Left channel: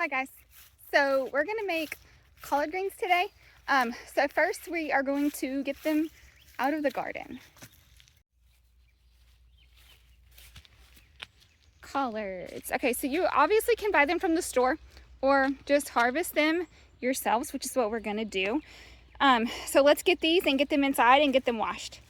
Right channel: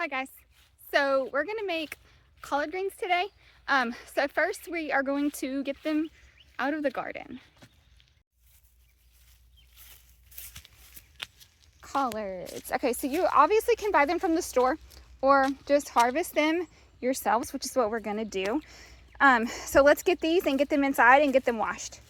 Hi guys. So we're gonna make collard greens today. So first we are going to get them out of the garden. Collards. Okay, so you obviously can buy them from the store or just harvest them yourselves, which is what we're gonna do. So let's get these and get them inside and get them washed.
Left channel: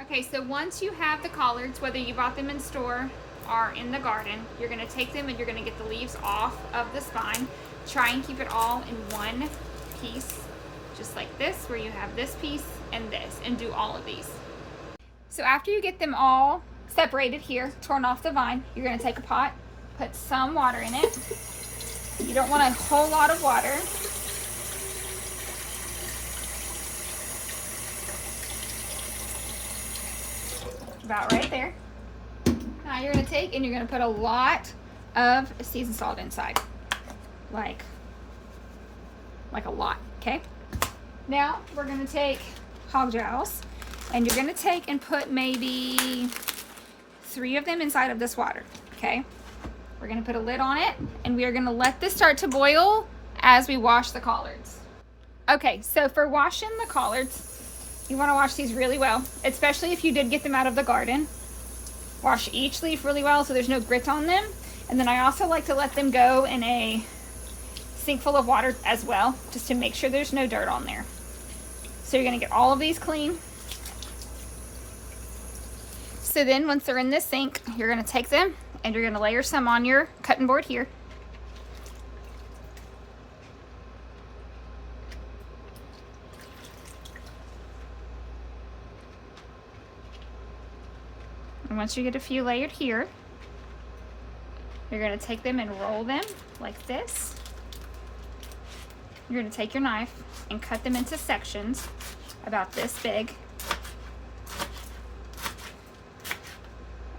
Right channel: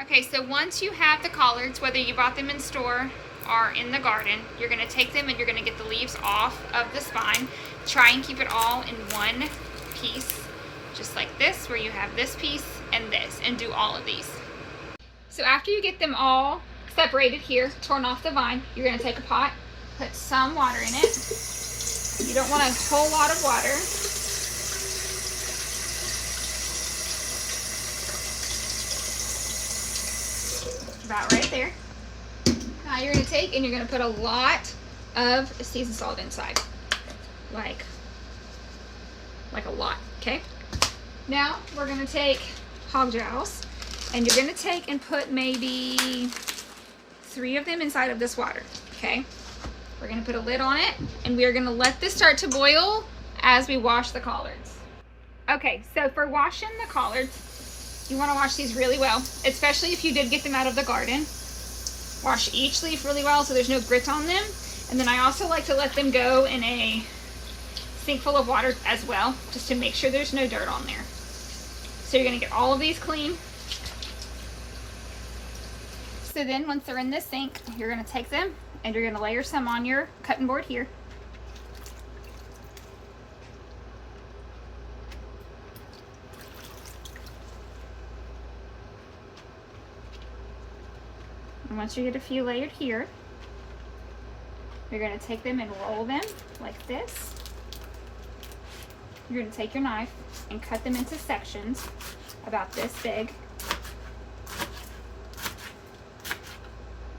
Okay, so once you have the collards, whether you bought them in store or in the garden, you're gonna take them and you're gonna get the leaves off of the spine. Try and keep it all in one piece, just like this, where you have this piece and this, and do all of these. So after you get them all separated here, torn off the vine, you're gonna take a pot, put some water in it. You don't want a whole lot of water. About right there. Now you're gonna take and you're gonna put a lot of seasoned salt inside, like a lot. Okay. Now we're gonna take hog jowls, and you're gonna take and put maybe 3 of them inside of this water. Okay. We're gonna put a lid on it, and we are gonna let this start to boil as we wash the collards. Okay, so for washing the collards, you want to wash these really well, especially if you did get them out of the garden. Wash each leaf really well so there's no grit on them. And then I also like to let them go in a sink full of water as well, just to make sure there's no dirt on there. So you're going to get all of these clean. So then once they're in this sink, you're going to take them and you're going to layer some on your cutting board here. And once you get a few layered here, you're going to take them and roll them like this. You're going to take your knife and cut them into sections about this big.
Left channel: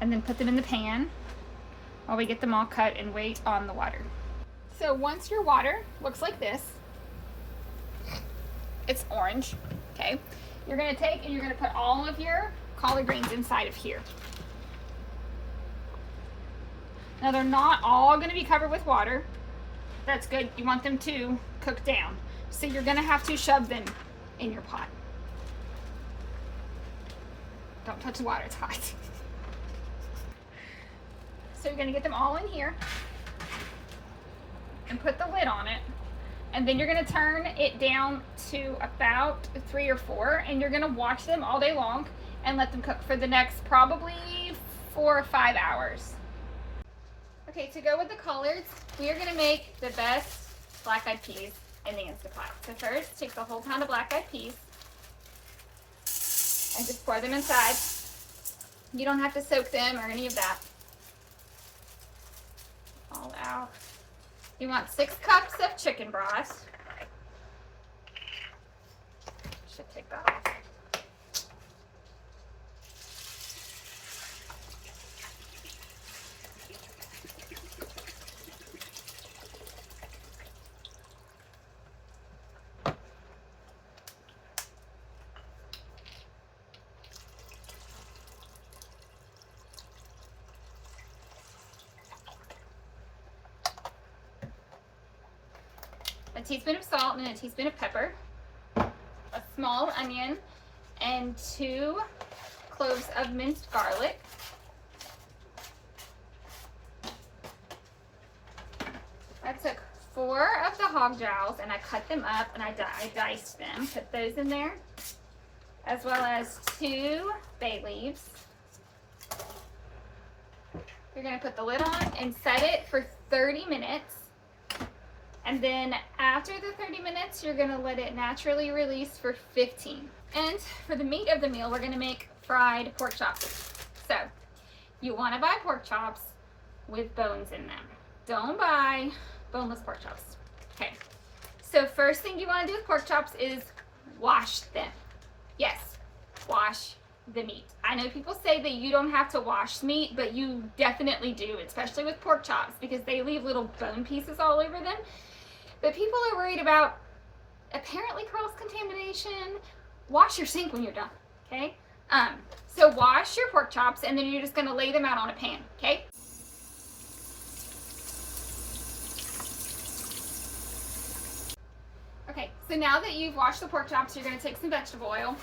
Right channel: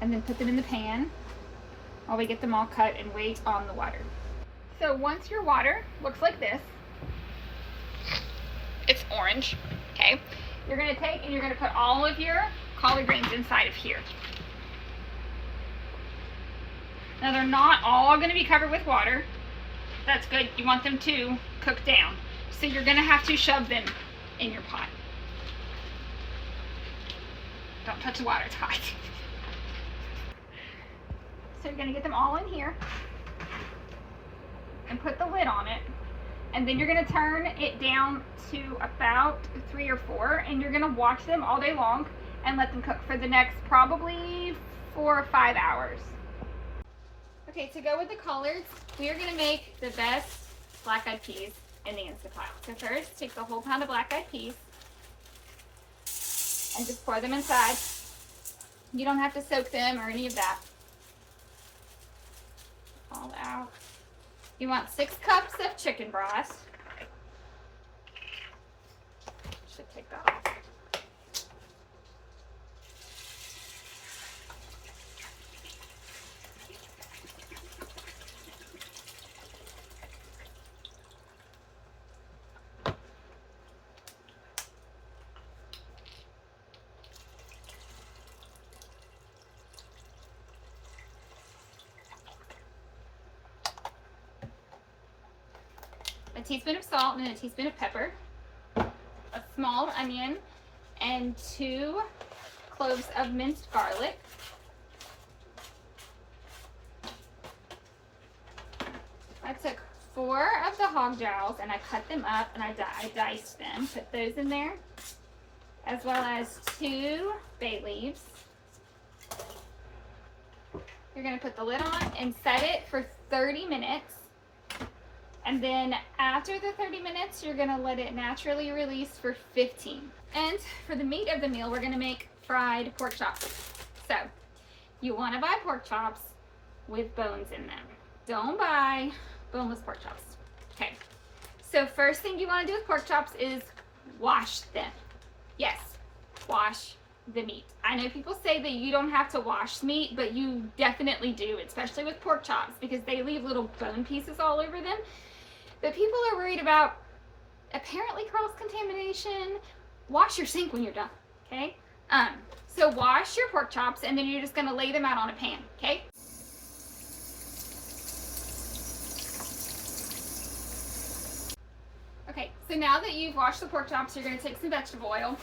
And then put them in the pan while we get them all cut and wait on the water. So once your water looks like this, it's orange, okay? You're going to take and you're going to put all of your collard greens inside of here. Now they're not all going to be covered with water. That's good. You want them to cook down. So you're going to have to shove them in your pot. Don't touch the water, it's hot. So you're going to get them all in here and put the lid on it. And then you're going to turn it down to about 3 or 4, and you're going to watch them all day long and let them cook for the next probably 4 or 5 hours. Okay, to go with the collards, we are going to make the best black-eyed peas in the Instant Pot. So first, take the whole pound of black-eyed peas and just pour them inside. You don't have to soak them or any of that. All out. You want 6 cups of chicken broth. Should take that off. A teaspoon of salt and a teaspoon of pepper, a small onion, and 2 cloves of minced garlic. I took 4 of the hog jowls and I cut them up and I diced them. Put those in there, as well as 2 bay leaves. You're going to put the lid on and set it for 30 minutes. And then after the 30 minutes, you're gonna let it naturally release for 15. And for the meat of the meal, we're gonna make fried pork chops. So you wanna buy pork chops with bones in them. Don't buy boneless pork chops. Okay, so first thing you wanna do with pork chops is wash them. Yes, wash the meat. I know people say that you don't have to wash meat, but you definitely do, especially with pork chops, because they leave little bone pieces all over them. But people are worried about apparently cross-contamination. Wash your sink when you're done, okay? So wash your pork chops, and then you're just gonna lay them out on a pan, okay? Okay, so now that you've washed the pork chops, you're going to take some vegetable oil,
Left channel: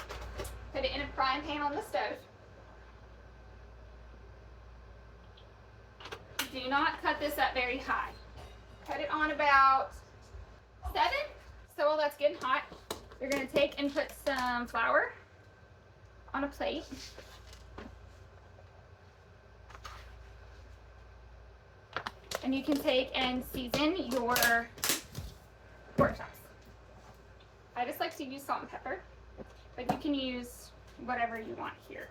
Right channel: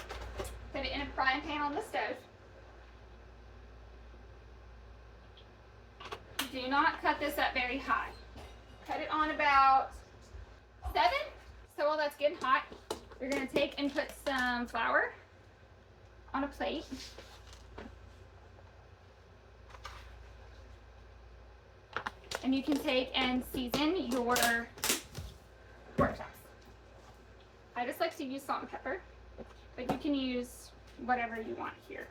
put it in a frying pan on the stove. Do not cut this up very high. Cut it on about 7. So while that's getting hot, you're going to take and put some flour on a plate. And you can take and season your pork chops. I just like to use salt and pepper, but you can use whatever you want here.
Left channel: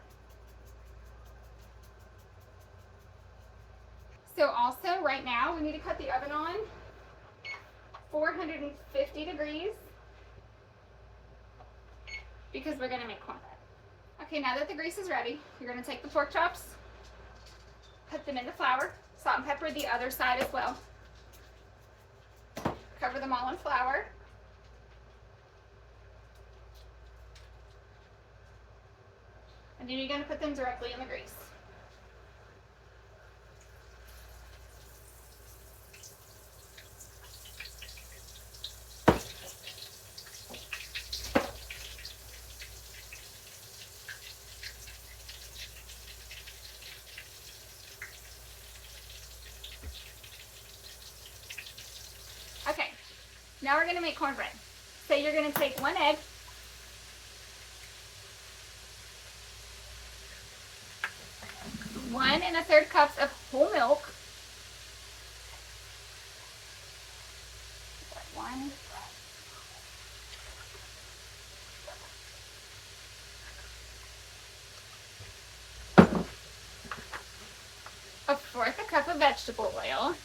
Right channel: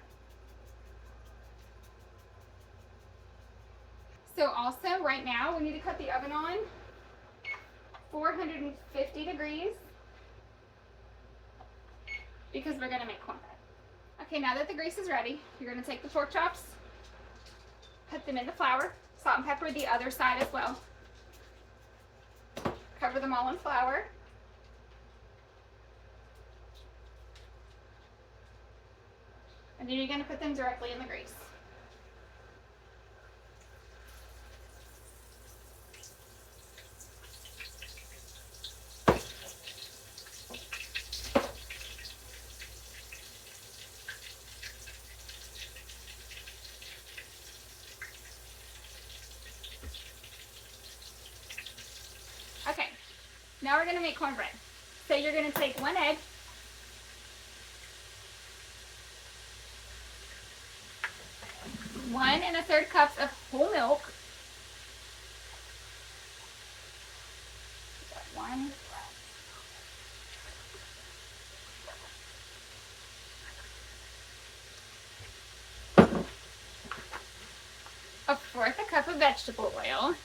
So also right now we need to cut the oven on 450 degrees because we're going to make cornbread. Okay, now that the grease is ready, you're going to take the pork chops, put them in the flour, salt and pepper the other side as well. Cover them all in flour. And then you're going to put them directly in the grease. Okay, now we're going to make cornbread. So you're going to take 1 egg, 1 1/3 cups of whole milk, 1, a 1/4 cup of vegetable oil,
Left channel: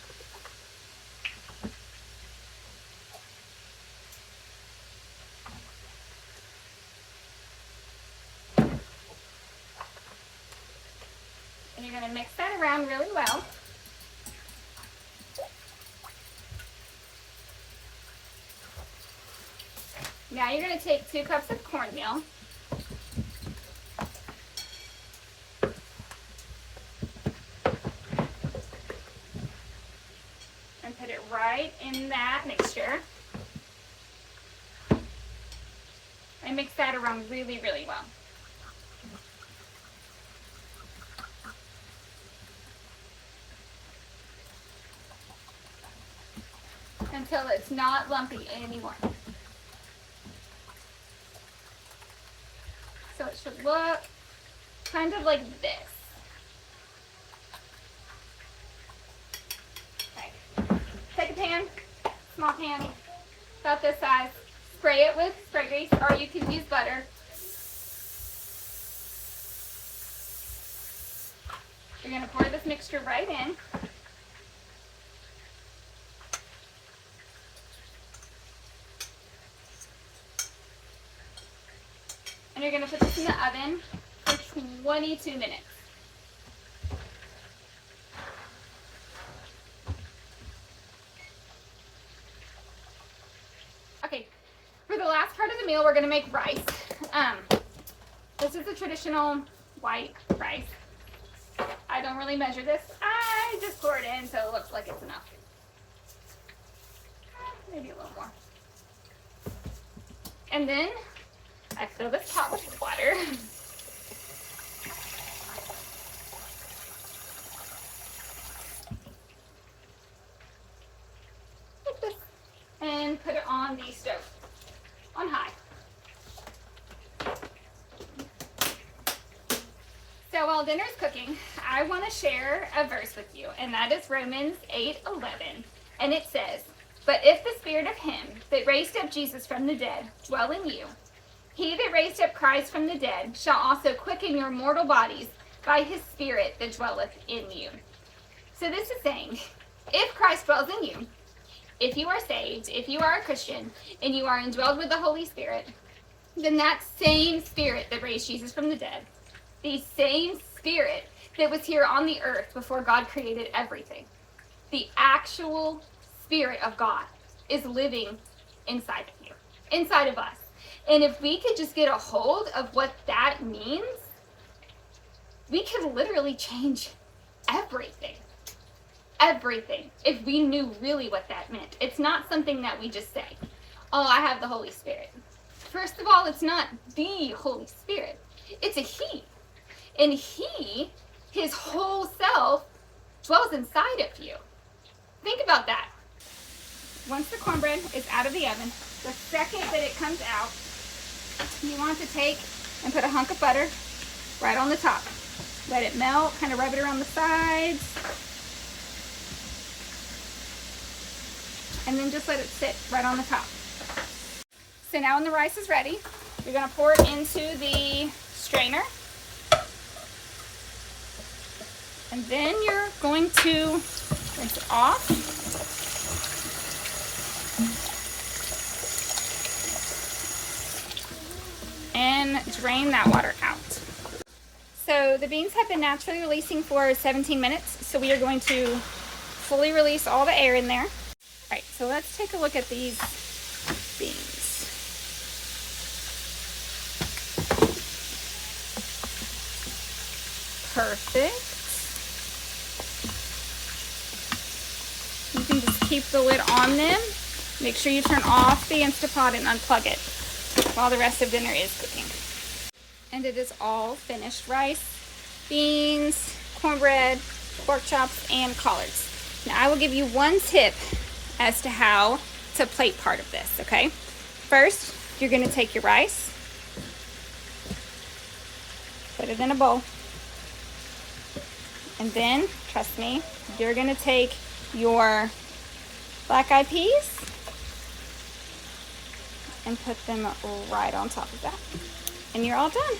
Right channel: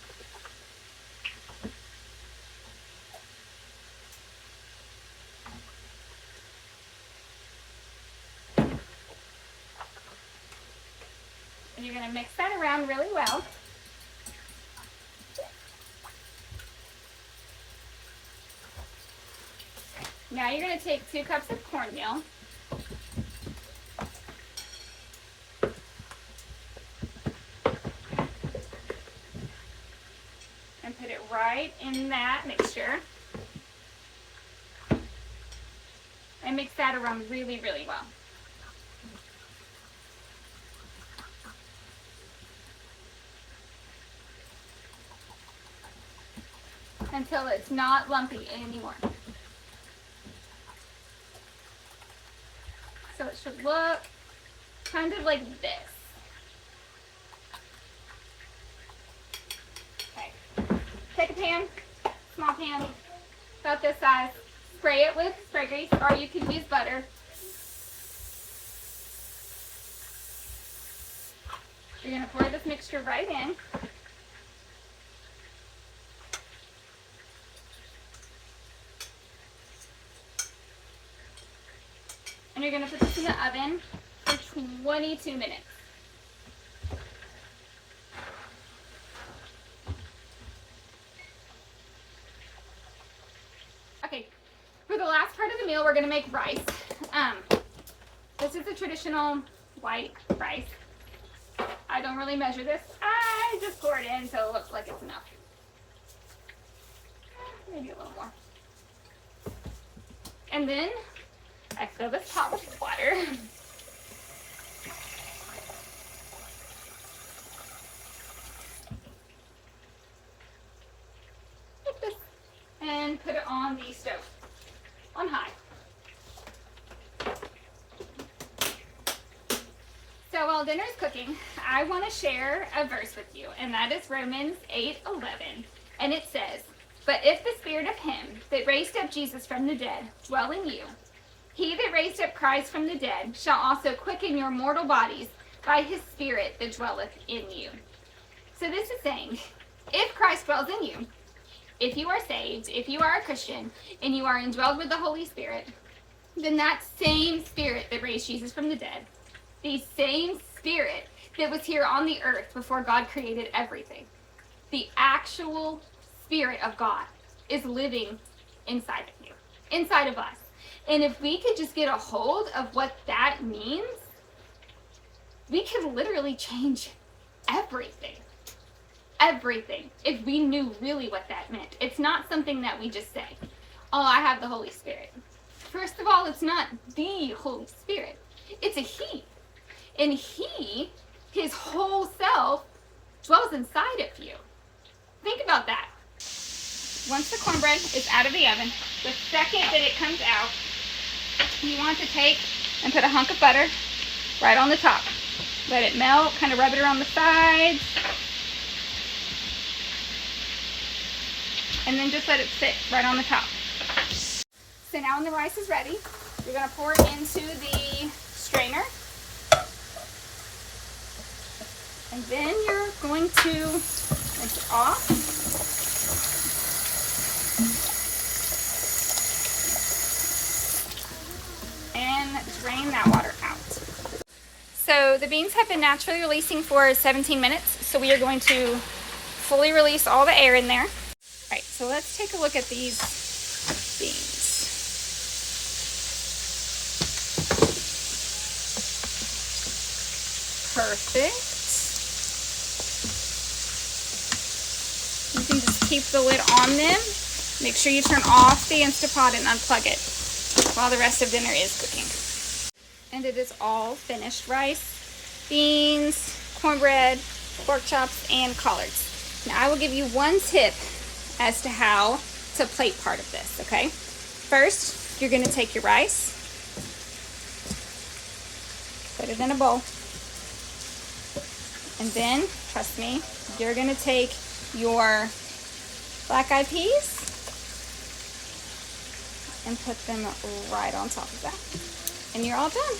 and you're going to mix that around really well. Now you're going to take 2 cups of cornmeal, and put it right in that mixture, and mix that around really, really well. Until it's not lumpy anymore. So it should look kind of like this. Okay. Take a pan, small pan, about this size. Spray it with spray grease, or you can use butter. You're going to pour this mixture right in. And you're going to put this in the oven for 22 minutes. Okay, for the last part of the meal, we're going to make rice. This is a traditional white rice. I don't really measure this. I just pour it in so it looks like it's enough. Maybe a little more. And then I fill this pot with water. Like this. And put it on the stove, on high. So while dinner's cooking, I want to share a verse with you, and that is Romans 8:11. And it says, "But if the spirit of him that raised up Jesus from the dead dwell in you, he that raised up Christ from the dead shall also quicken your mortal bodies by his spirit that dwelleth in you." So this is saying, if Christ dwells in you, if you are saved, if you are a Christian, and you are indwelled with the Holy Spirit, then that same spirit that raised Jesus from the dead, the same spirit that was here on the earth before God created everything, the actual Spirit of God is living inside of you, inside of us. And if we could just get a hold of what that means, we could literally change everything. Everything. If we knew really what that meant. It's not something that we just say. Oh, I have the Holy Spirit. First of all, it's not the Holy Spirit. It's a He. And He, His whole self, dwells inside of you. Think about that. Once the cornbread is out of the oven, the second that it comes out, you want to take and put a hunk of butter right on the top. Let it melt, kind of rub it around the sides. And then just let it sit right on the top. So now when the rice is ready, you're going to pour it into the strainer. And then you're going to rinse it off. And drain that water out. So the beans have been naturally releasing for 17 minutes. So we are going to fully release all the air in there. All right, so let's take a look at these beans. Perfect. You can just keep the lid on them. Make sure you turn off the Instapot and unplug it while the rest of dinner is cooking. And it is all finished. Rice, beans, cornbread, pork chops, and collards. Now I will give you one tip as to how to plate part of this, okay? First, you're gonna take your rice, put it in a bowl, and then, trust me, you're gonna take your black-eyed peas and put them right on top of that. And you're all done.